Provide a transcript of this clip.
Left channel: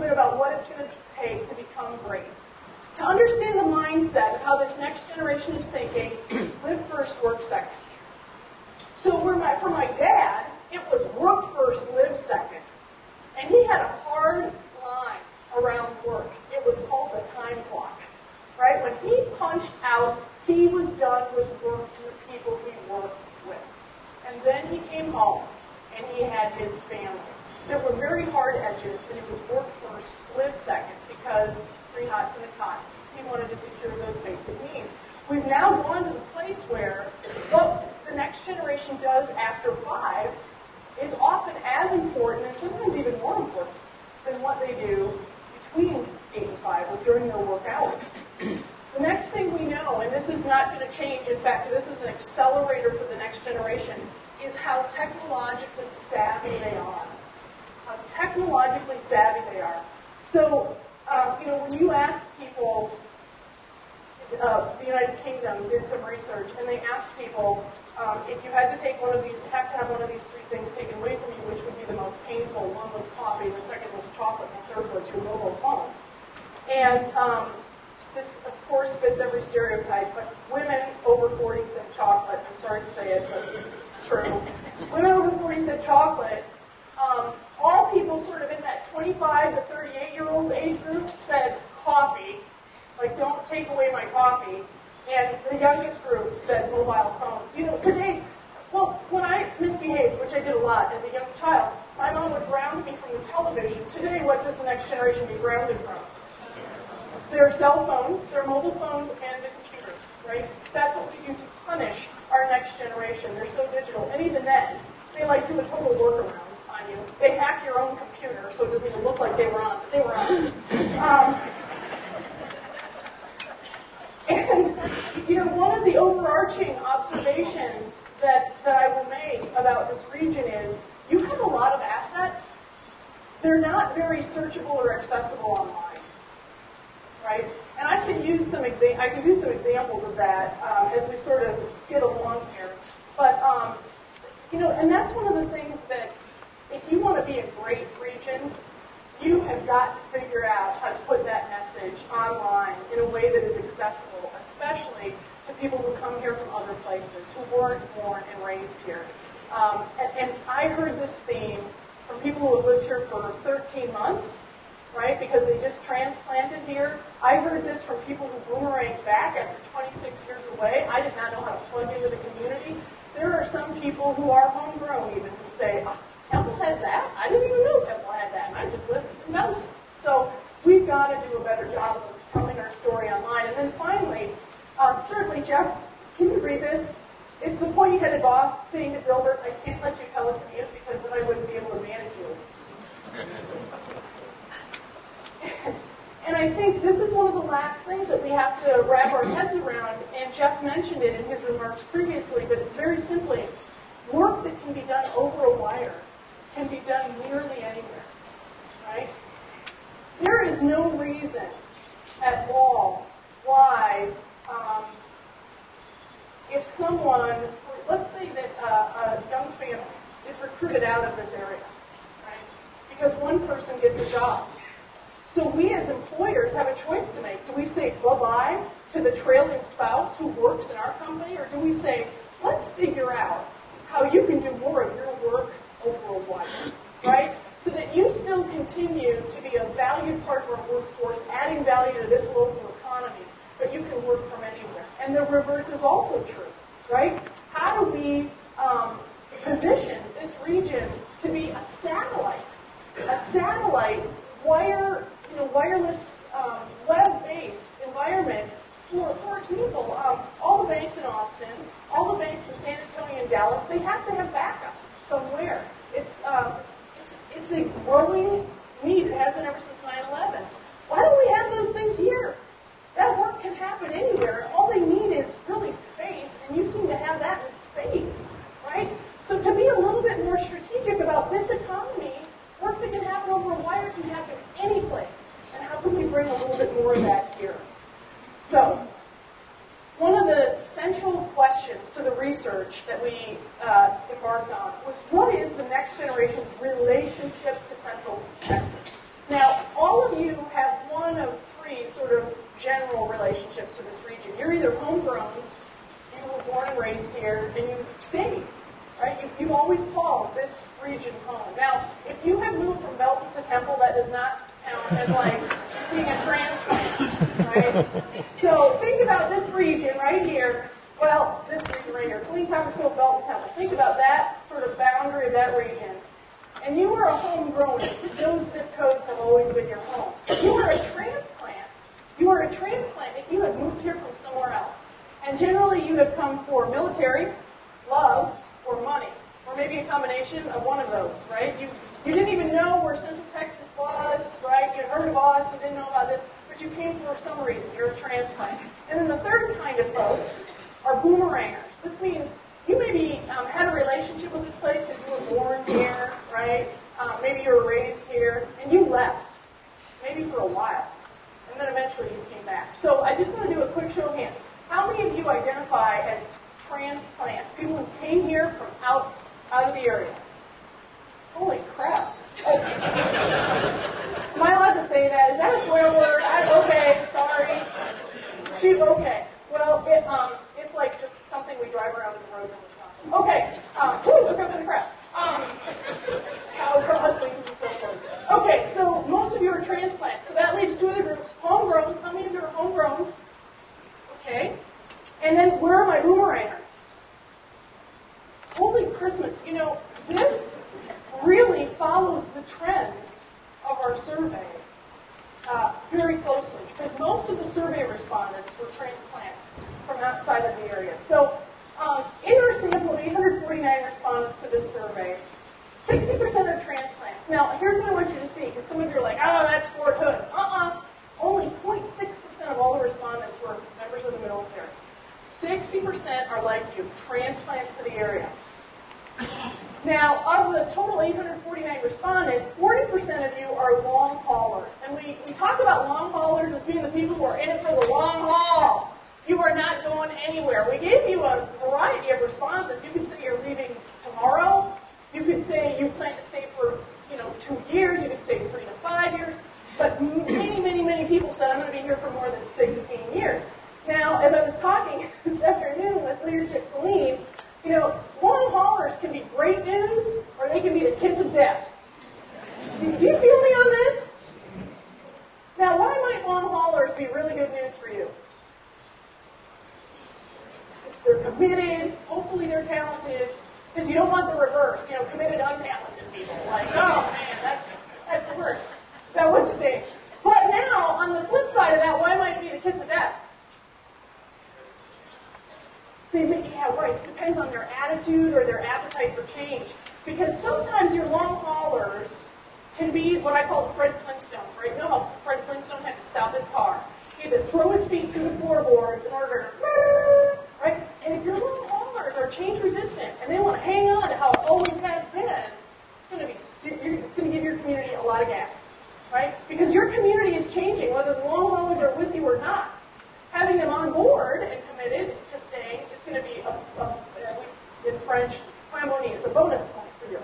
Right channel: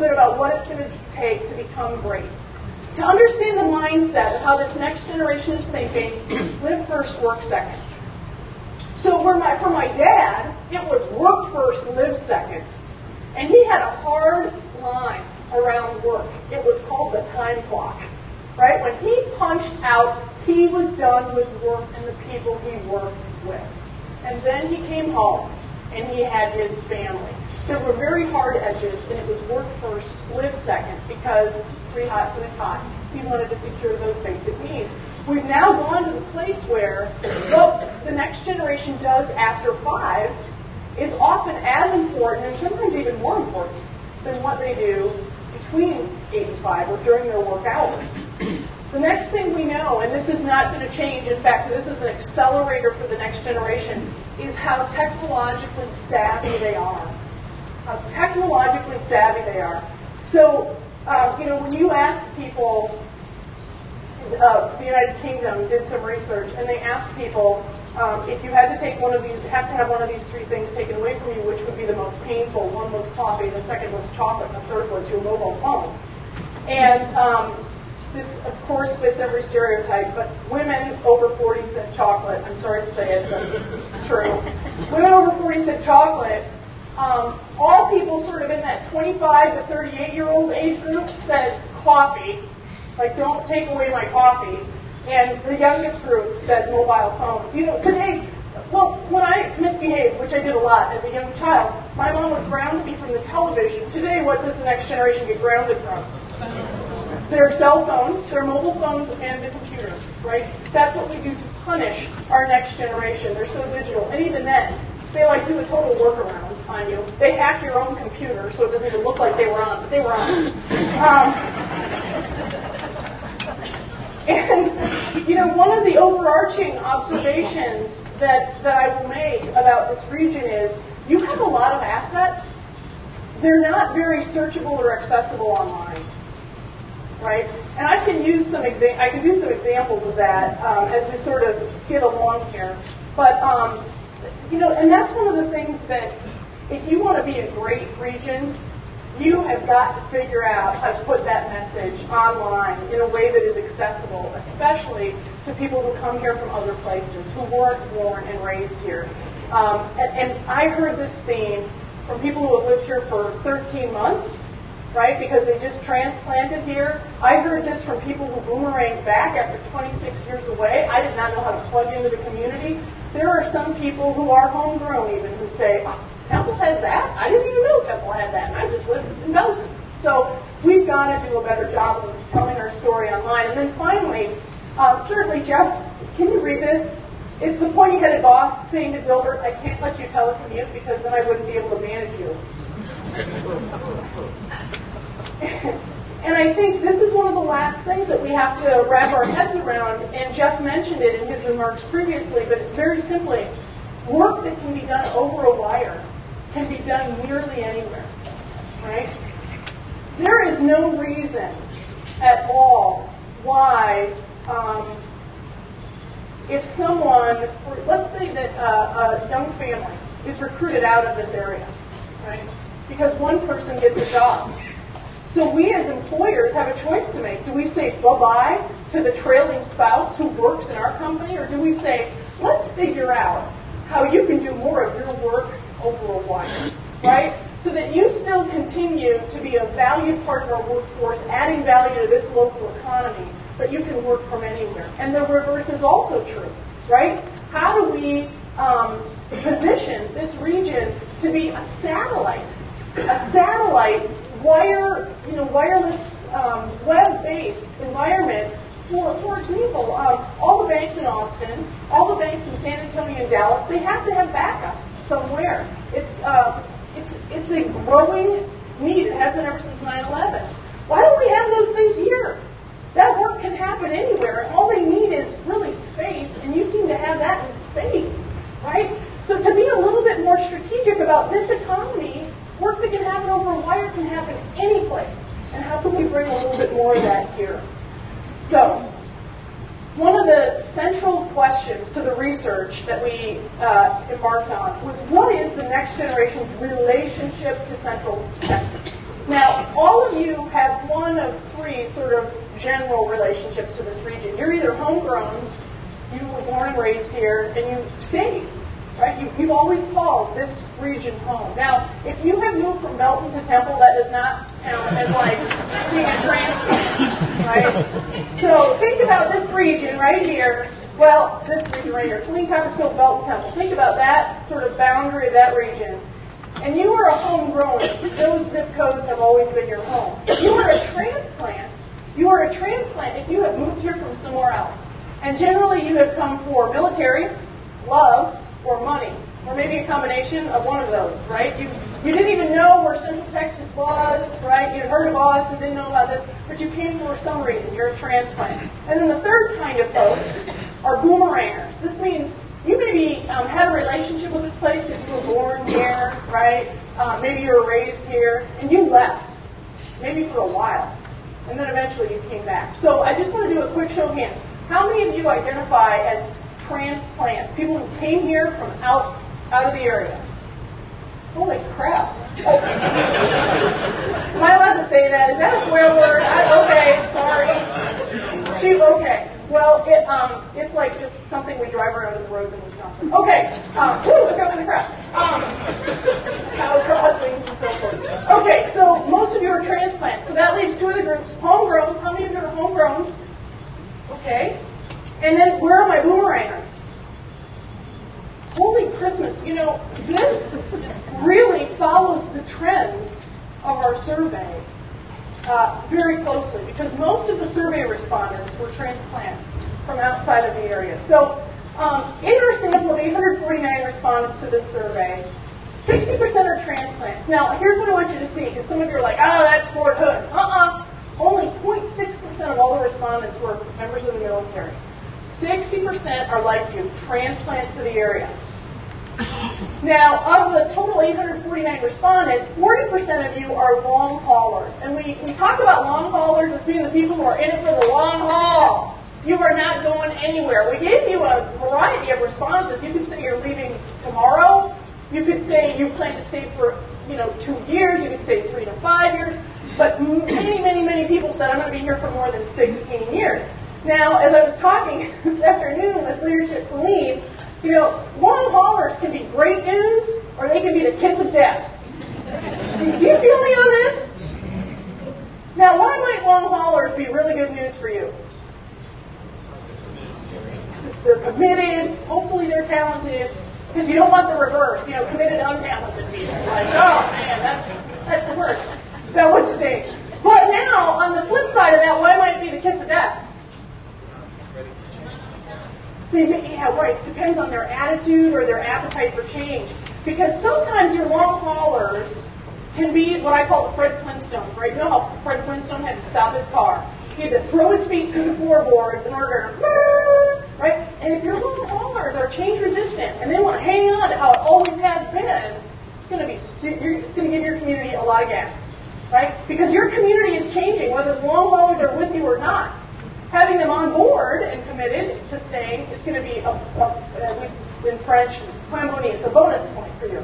little bit about what it's going to take to become great. To understand the mindset of how this next generation is thinking, live first, work second. So for my dad, it was work first, live second. And he had a hard line around work. It was called the time clock. Right? When he punched out, he was done with work and the people he worked with. And then he came home and he had his family. There were very hard edges, and it was work first, live second, because 3 hots and a cot. He wanted to secure those basic needs. We've now gone to the place where what the next generation does after 5 is often as important, and sometimes even more important, than what they do between 8 and 5 or during their work hours. The next thing we know, and this is not going to change, in fact, this is an accelerator for the next generation, is how technologically savvy they are. How technologically savvy they are. So, when you ask people, the United Kingdom did some research, and they asked people, if you had to take one of these, have to have one of these 3 things taken away from you, which would be the most painful? One was coffee, the second was chocolate, and the third was your mobile phone. And this, of course, fits every stereotype, but women over 40 said chocolate. I'm sorry to say it, but it's true. Women over 40 said chocolate. All people sort of in that 25 to 38-year-old age group said coffee. Like, don't take away my coffee. And the youngest group said mobile phones. Today, when I misbehaved, which I did a lot as a young child, my mom would ground me from the television. Today, what does the next generation get grounded from? Their cell phone, their mobile phones, and the computer, right? That's what we do to punish our next generation. They're so digital. And even then, they do a total workaround on you. They hack your own computer, so it doesn't even look like they were on, but they were on. And, one of the overarching observations that I will make about this region is you have a lot of assets. They're not very searchable or accessible online, right? And I can use some I can do some examples of that as we sort of skid along here. But and that's one of the things that if you want to be a great region, you have got to figure out how to put that message online in a way that is accessible, especially to people who come here from other places, who weren't born and raised here. And I heard this theme from people who have lived here for 13 months, right, because they just transplanted here. I heard this from people who boomeranged back after 26 years away. I did not know how to plug into the community. There are some people who are homegrown even who say, oh, Temple has that? I didn't even know Temple had that. I just lived in Belton. So we've got to do a better job of telling our story online. And then finally, certainly, Jeff, can you read this? It's the pointy-headed boss saying to Dilbert, I can't let you telecommute because then I wouldn't be able to manage you. And I think this is one of the last things that we have to wrap our heads around, and Jeff mentioned it in his remarks previously, but very simply, work that can be done over a wire can be done nearly anywhere, right? There is no reason at all why, if someone, let's say that a young family is recruited out of this area, right? Because one person gets a job. So we as employers have a choice to make. Do we say bye-bye to the trailing spouse who works in our company, or do we say, let's figure out how you can do more of your work over a wire, right? So that you still continue to be a valued part of our workforce, adding value to this local economy, but you can work from anywhere. And the reverse is also true, right? How do we position this region to be a satellite wireless, web-based environment for example, all the banks in Austin, all the banks in San Antonio and Dallas, they have to have backups somewhere. It's a growing need. It has been ever since 9/11. Why don't we have those things here? That work can happen anywhere. All they need is really space, and you seem to have that in spades, right? So to be a little bit more strategic about this economy, work that can happen over a wire can happen any place. And how can we bring a little bit more of that here? So, one of the central questions to the research that we embarked on was, what is the next generation's relationship to Central Texas? Now, all general relationships to this region. You're either homegrowns, you were born and raised here, and you stayed. Right? You've always called this region home. Now, if you have moved from Belton to Temple, that does not count as like being a transplant, right? So think about this region right here. Well, this region right here, Killeen, Coppersfield, Belton, Temple. Think about that sort of boundary of that region. And you are a homegrown. Those zip codes have always been your home. You are a transplant. You are a transplant if you have moved here from somewhere else. And generally you have come for military, love, or money, or maybe a combination of one of those, right? You didn't even know where Central Texas was, right? You'd heard of Oz, you didn't know about this, but you came for some reason. You're a transplant. And then the third kind of folks are boomerangers. This means you maybe had a relationship with this place because you were born here, right? Maybe you were raised here, and you left, maybe for a while, and then eventually you came back. So I just want to do a quick show of hands. How many of you identify as transplants, people who came here from out of the area? Holy crap. Okay. Am I allowed to say that? Is that a swear word? Okay, sorry. Shoot, okay. Well, it's like just something we drive around in the roads in Wisconsin. Okay. Look up in the crap. Cow crossings and so forth. Okay, so most of you are transplants. So that leaves two of the groups. Homegrowns. How many of you are homegrowns? Okay. And then where are my boomerangers? Holy Christmas. You know, this really follows the trends of our survey very closely because most of the survey respondents were transplants from outside of the area. So in our sample of 849 respondents to this survey, 60% are transplants. Now, here's what I want you to see, because some of you are like, oh, that's Fort Hood. Only 0.6% of all the respondents were members of the military. 60% are like you, transplants to the area. Now, of the total 849 respondents, 40% of you are long haulers. And we talk about long haulers as being the people who are in it for the long haul. You are not going anywhere. We gave you a variety of responses. You could say you're leaving tomorrow. You could say you plan to stay for 2 years. You could say 3 to 5 years. But many, many, many people said, I'm going to be here for more than 16 years. Now, as I was talking this afternoon with Leadership Killeen, long haulers can be great news, or they can be the kiss of death. Do you feel me on this? Now, why might long haulers be really good news for you? They're committed, hopefully they're talented, because you don't want the reverse, committed, untalented people. Like, oh man, that's the worst. That would stink. But now, on the flip side of that, why might it be the kiss of death? Yeah, right. It depends on their attitude or their appetite for change. Because sometimes your long haulers can be what I call the Fred Flintstones, right? You know how Fred Flintstone had to stop his car? He had to throw his feet through the floorboards in order to, right? And if your long haulers are change resistant and they want to hang on to how it always has been, it's going to give your community a lot of gas, right? Because your community is changing, whether the long haulers are with you or not. Having them on board and committed to staying is going to be, in French, harmonie, it's a bonus point for you.